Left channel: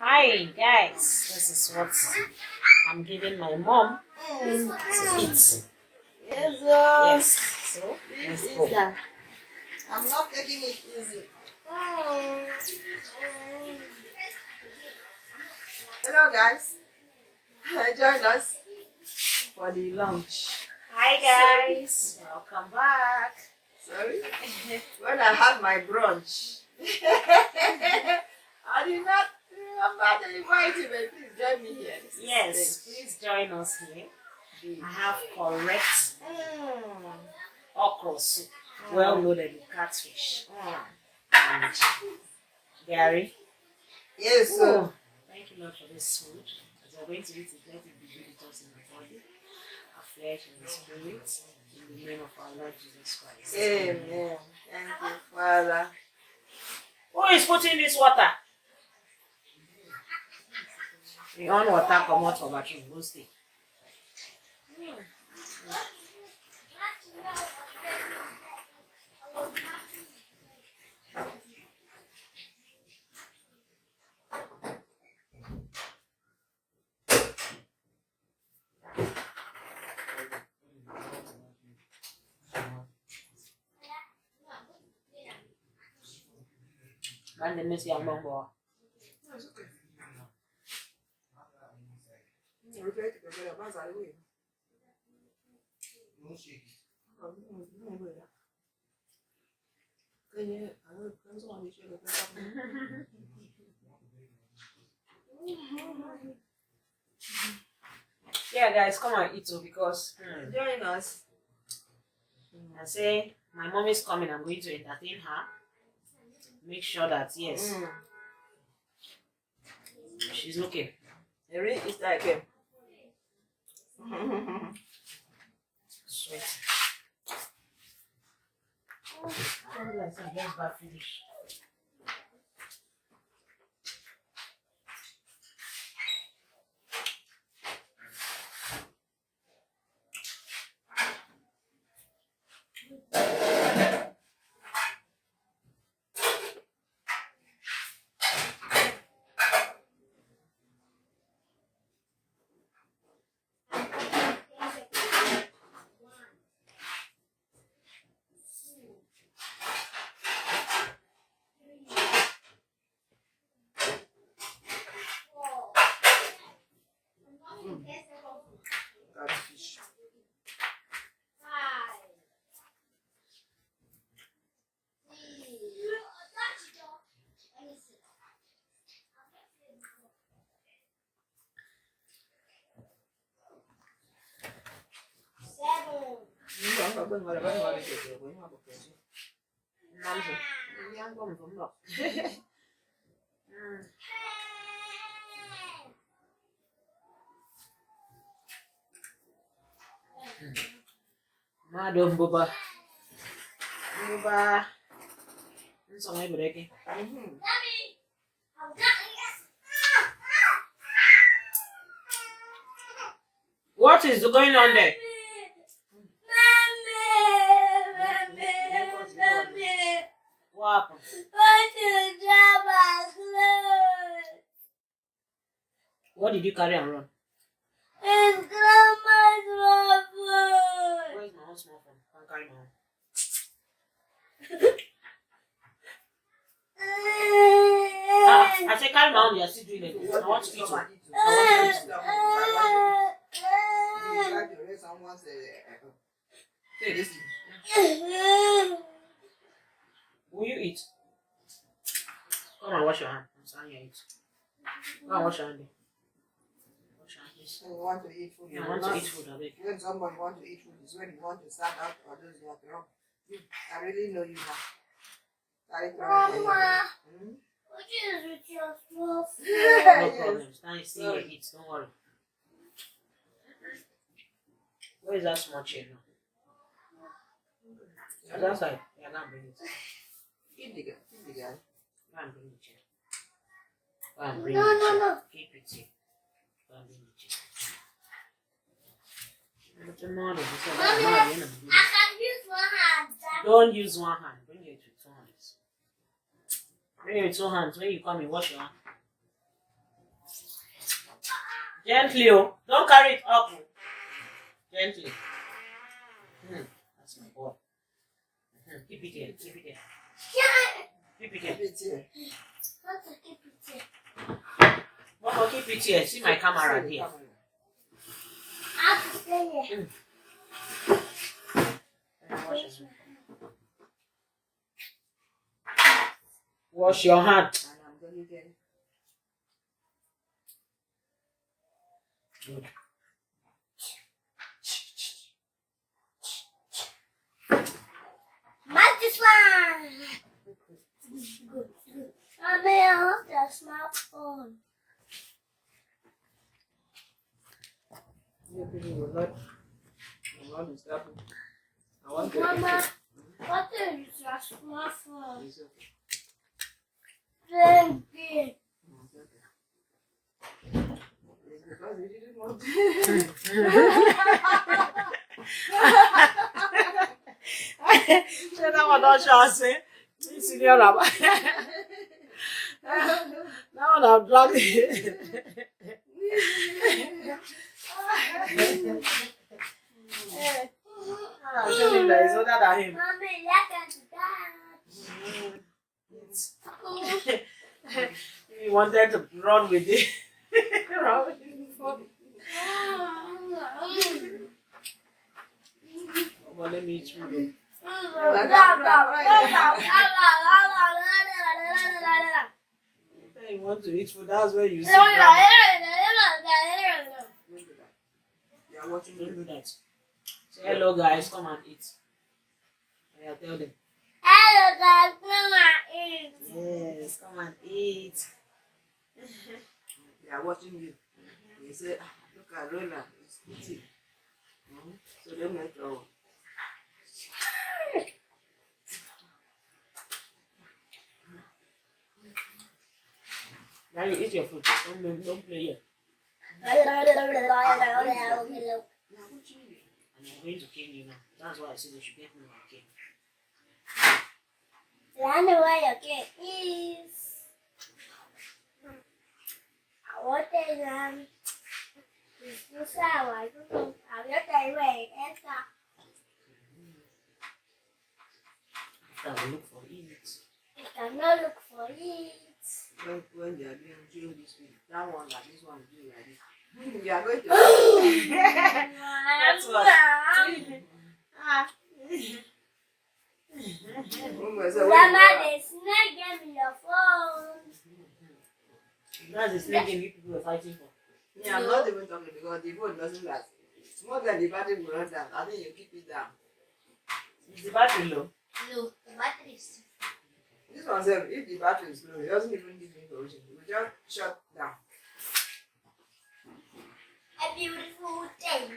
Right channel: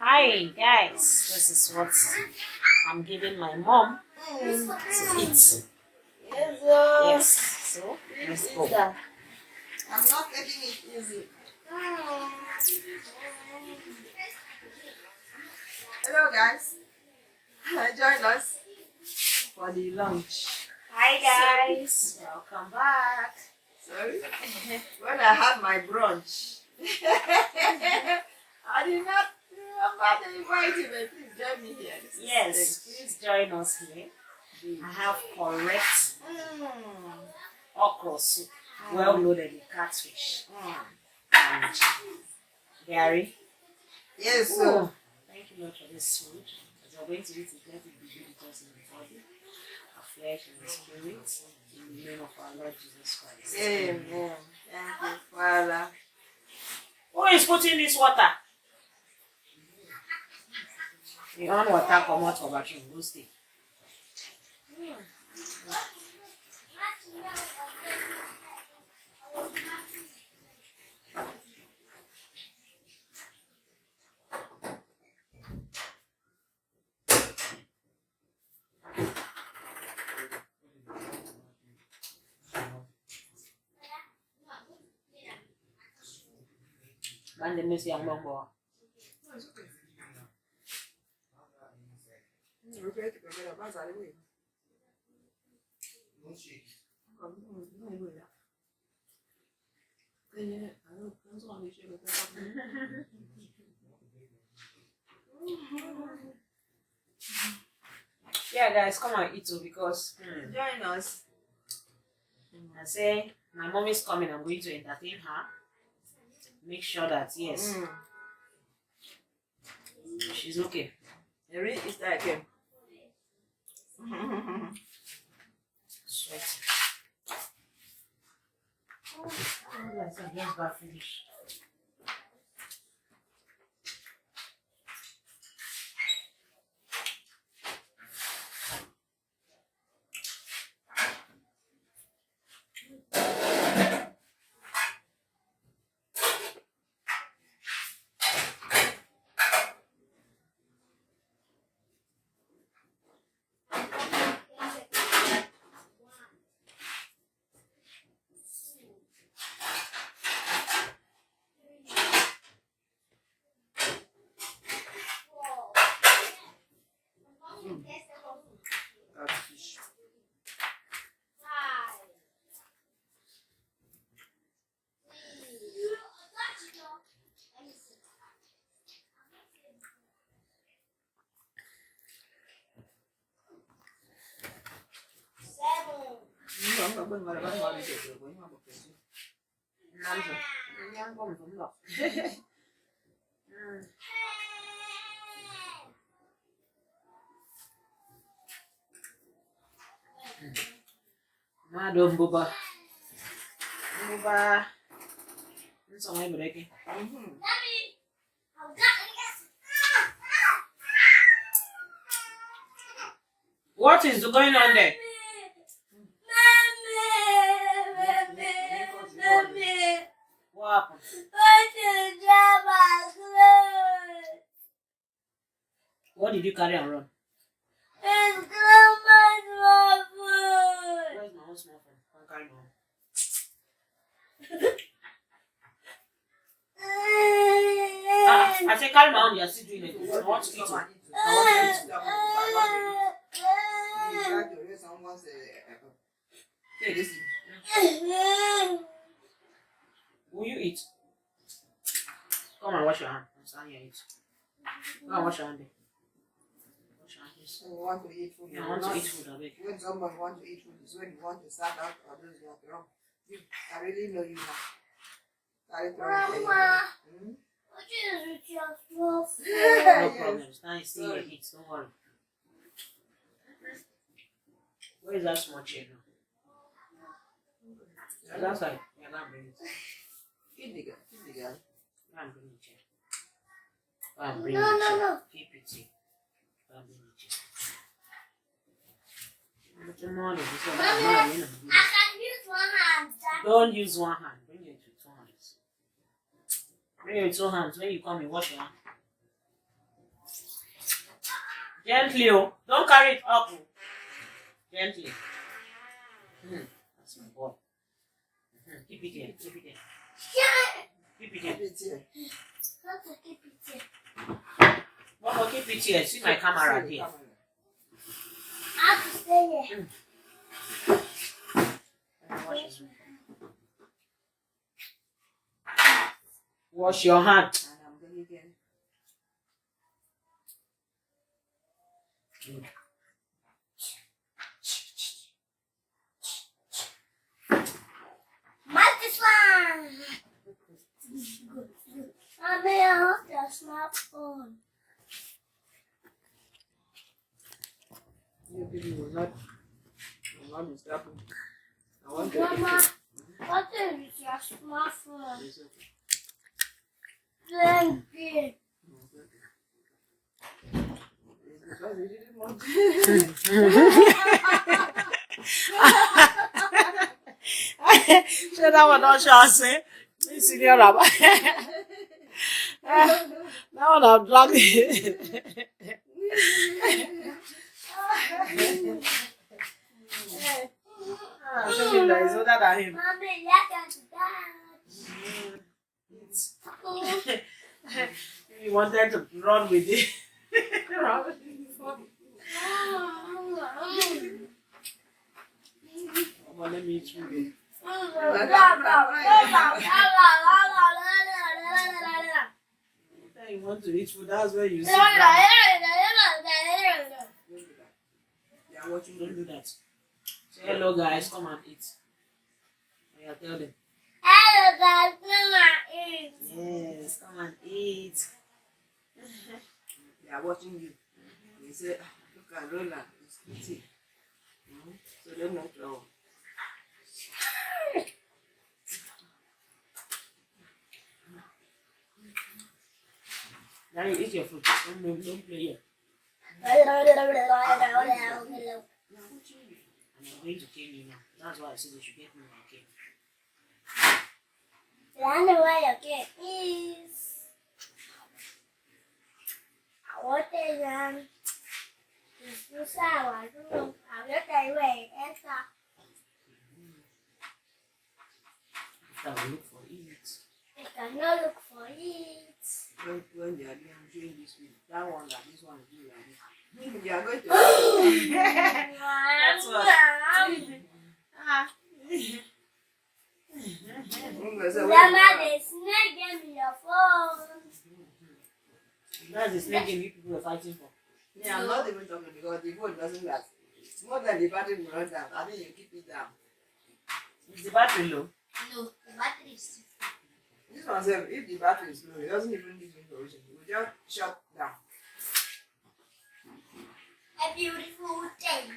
Hi guys, this is what I'm giving my mom to eat. Yes, Yes, so let's this go. is that. I'm not taking it easy. Hello, guys. Join us for the lunch. Hi guys, welcome back. Sorry. When I had my brunch, I did not remember to invite you, but please join me here. This is Yes, thing. please join us here. I have correct okro soup, well loaded with catfish and dairy. Yes, so. Oh, thank you Lord for this food. As we're going to eat it, let it be good with us in the body, our flesh and the spirit. In the name of our Lord Jesus Christ. Amen. Thank you, Father. Who is putting this water? The on water come out for bathroom, go stay. Man, the miss young man boy. Yeah, guys, come and eat too because Join us. I say my mom is coming. I'm going to entertain her. Make sure that yes, she's okay. Every Easter again. Sweet. Oh, I said, just got finished. Catfish. Namzo. Yang bom bom lo. Madam Boba. Boba. Nso ngai breki. What is going on there? What happened? What did you carry and run? Where is my own small phone? I can't carry my own. I say carry my own, you are still doing it. I want to eat it. I want to eat it. Take this. Will you eat? Come and wash your hand. I'm standing here eat. Go and wash your hand. Wash your hand, please. When you want to eat food, You want to eat food, I beg. when someone wants to eat food, is when you want to start out or those you have to run. I really know you now. Carry Mama. What is with your small phone? No problem. Stand still and eat. Don't worry. Where is that small chair now? It's outside. Yeah, go and bring it. Feed the guy. Feed the guy. Go and bring the chair. Go and bring the chair. No. Keep it here. Go and bring the chair. Mommy, I can use one hand. Don't use one hand. Bring it with two hands. Bring it with two hands. When you come, you wash your hand. Gently, oh. Don't carry it up. Oh. Gently. That's my boy. Keep it here. Keep it here. Keep it here. Keep it here. How to keep it here? Mama, keep it here. See my camera See the here. camera. I have to stay here. Wash your hand. And I'm going again. Match this one. Good. Mommy, I have the smartphone. You people will not disturb me. I want to Mama, what is your smartphone? It's okay. Then big. It's because we didn't want to. Say that one not chance. Senior Rabbi. That one I'm driving. That is older than him. Mommy, let us dance. He wanted to run with it. Run with it. Oh, let me eat food. You want to eat food, that's where you see drama. They are watching Don't you. do that. Say hello guys, come and eat. Yeah, tell them. Hello guys, come and eat. Yes, come and eat. They are watching you. They say, "Ah, look at Roland, it's eating." So don't make trouble. Now you eat your food. Don't play here. They are watching you. And I'm going to cane you now. That's why I said they should get me my cane. I know where your cake is. I want it inside. I don't know. I'll get that way. Enter. After we look for it. I cannot look for it. When they are doing showing this video, that one like this one is doing like this. You are going to. That's what. Grandma, there's snake game in your phone. That's the snake game you people are fighting for. Yeah, I'm not even talking because the phone doesn't last. It's more than the battery will run down. I think you keep it down. Is the battery low? No, the battery is. This one says if the battery is low, it doesn't even give information. It will just shut down. A beautiful thing.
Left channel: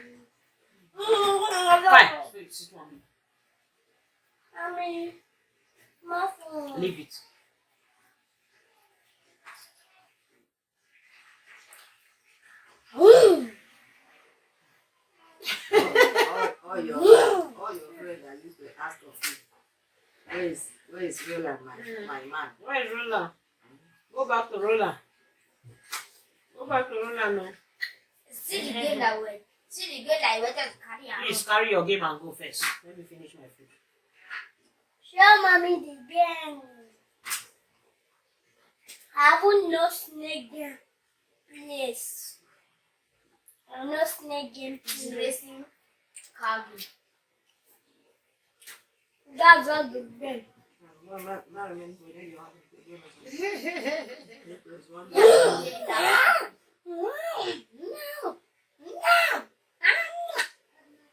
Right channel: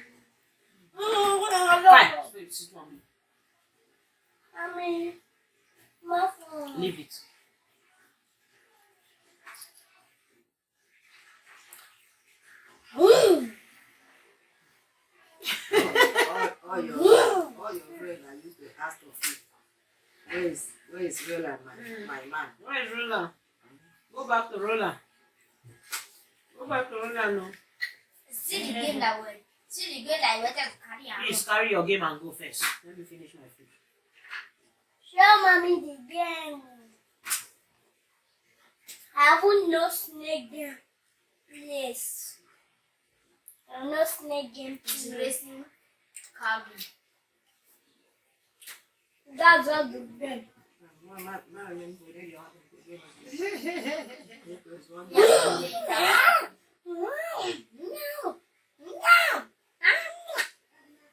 Fine. Sit on me. Mommy, my phone. Leave it. all your friends that used to ask of you, where is Roland, my man? Where is Roland? Go back to Roland. Go back to Roland now. See the game that way. See the game that I wanted to carry out. Please carry your game and go first. Let me finish my food. Show mommy the game. I haven't no snake game. Please. I'm no snake game. Please. Racing cargo. That's all the game. No, not even for you have to do No.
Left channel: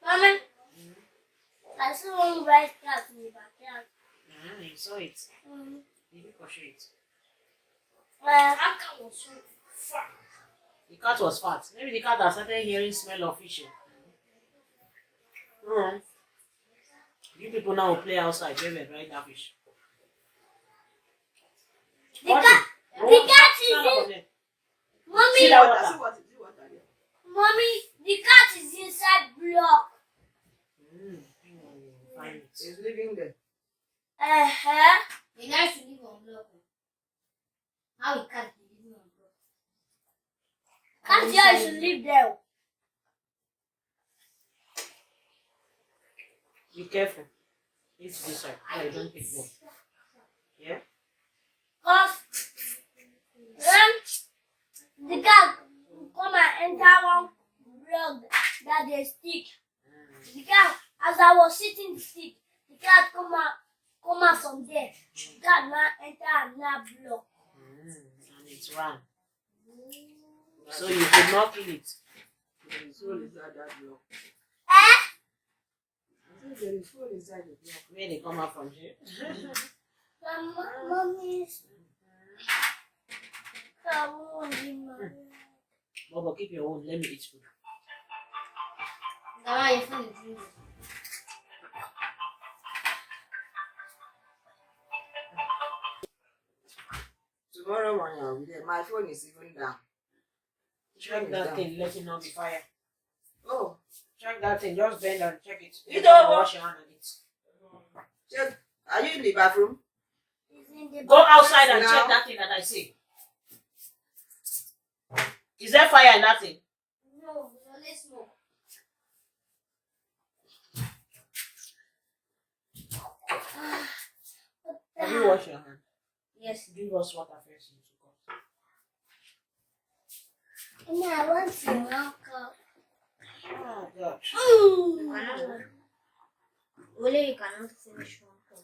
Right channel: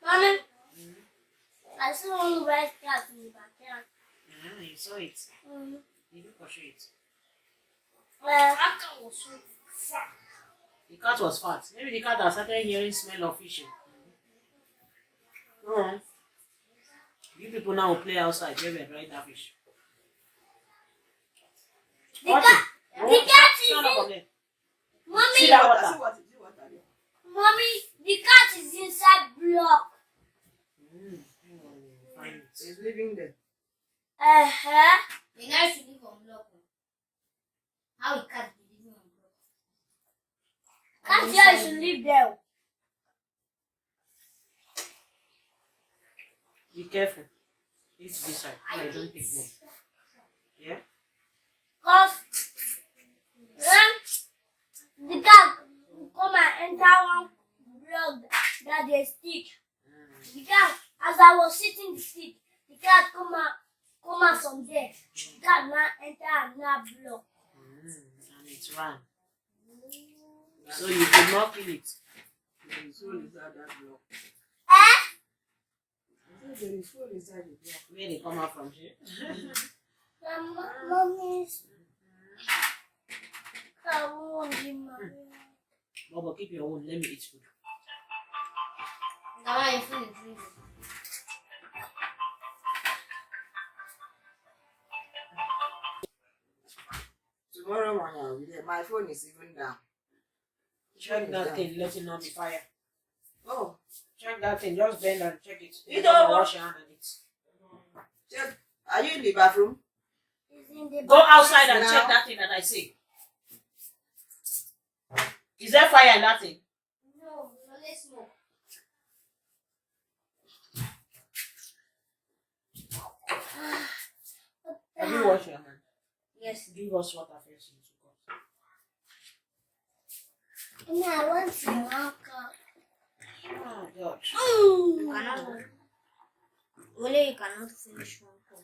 Mama, I saw one white cat in the backyard. You saw it. Did you pursue it? Cat was so fat. The cat was fat. Maybe the cat has started hearing smell of fish. You people now play outside where we're drying that fish. The cat is in. Mommy, See that water? Mommy, the cat is inside block. Find it. He's living there. The guy should live on block. How he can't be living on block? Can't you should leave there? Be careful. It's this side. No, you don't take both. Yeah? Cause when the cat come and enter one block that they stick. The cat, as I was sitting the stick, the cat come out from there. The cat now enter another block. And it's ran. So you could not kill it. The soul inside that block. Eh? I said there is soul inside the block. Where they come out from here? Mommy's. Bobo, keep your own. Let me eat food. Now I feel it. Tomorrow morning I'll be there. My phone is even down. Check that thing. Let it not be fire. Oh, Check that thing. Just bend and check it. You don't don't wash your hand on it. check. Are you in the bathroom? Go outside and Now. check that thing that I see. Is there fire in that thing? No, let's smoke. Have you washed your hand? Yes. Give us water first. No, I want to walk up. Oh, God. Only you cannot finish one cup.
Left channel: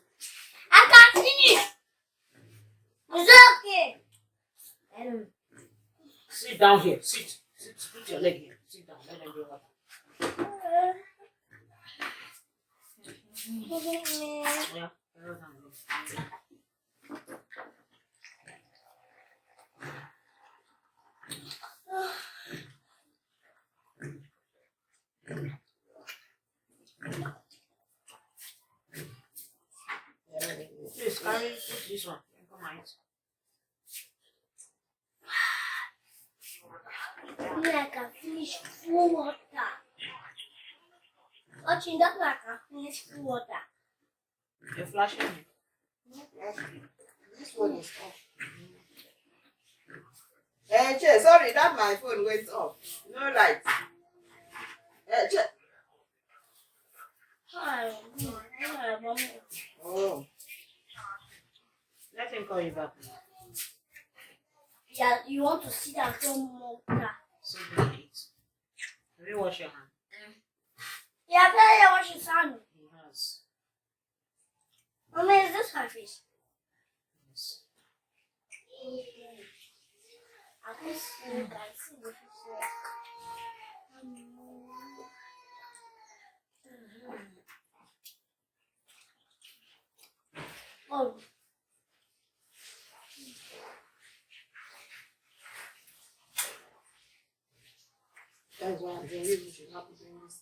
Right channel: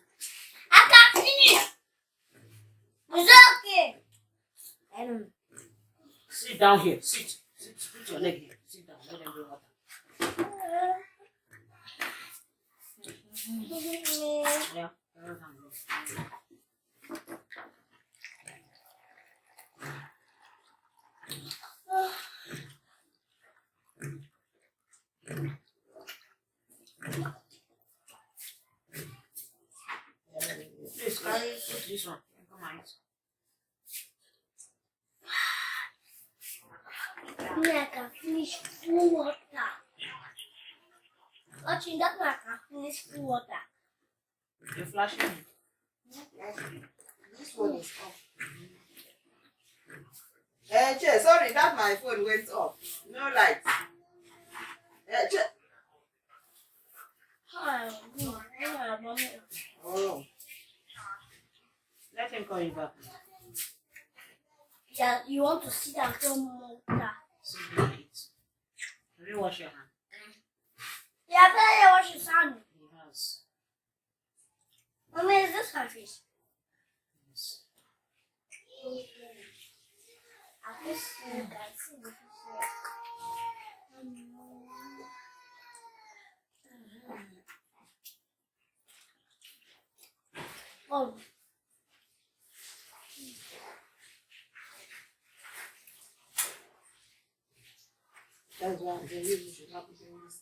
I can finish. It's okay. Sit down here. Sit. Put your leg here. Sit down. Let them do water. Yeah. Carry down here. Please carry put this one. Come on. I can finish full water. Watching that, I can finish full water. You're flashing me. This one is off. Che, sorry, that my phone went off. No light. Che. Hi, mommy. Oh. Let him call you back. Yeah, you want to sit and throw more water. Sit down and eat. Have you washed your hand? Yeah, I tell you what she's on. He has. Mommy, is this my fish? Yes. I can see the fish. Oh. That's why I'm saying you should not be doing this.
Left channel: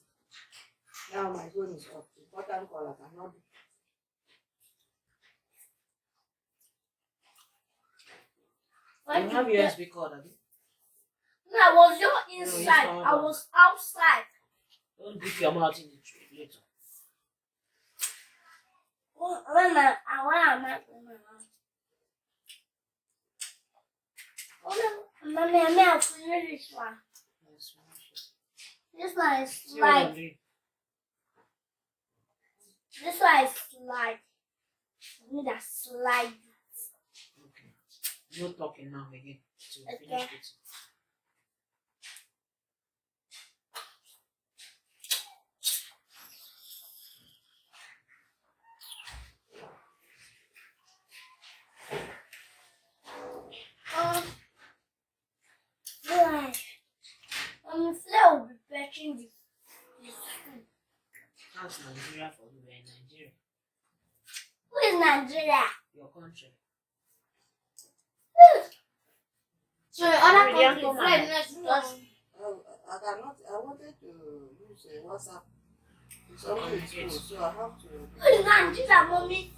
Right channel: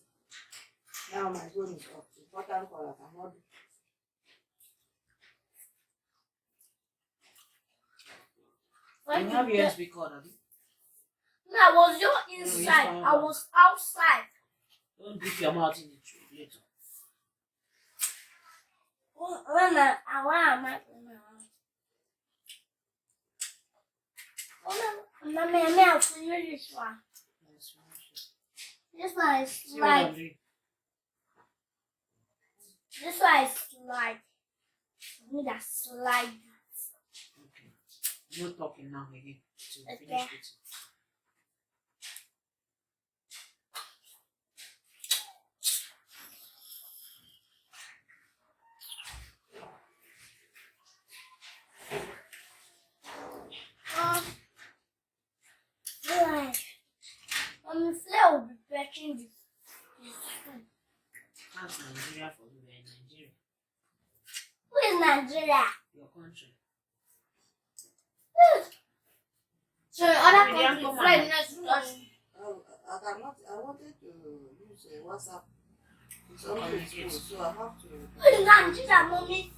Now my phone is off. Important call I cannot do. You have USB cord, have you? No, I was just No, it's inside. fine. I was outside. Don't dip your mouth in the tree later. When am I? Mommy, I'm out for this one. Yes, wash it. This one is See what I'm slide. doing? This one is slide. I need a slide. Okay. No talking now again. Till we Okay. finish it. Right. Flair will be fetching this food. That's Nigeria for you. We're in Nigeria. Who is Nigeria? Your country. So other Maybe they countries come fly and- next to us. I cannot. I wanted to use WhatsApp. It's only school, so I have to. Who is Nigeria, mommy?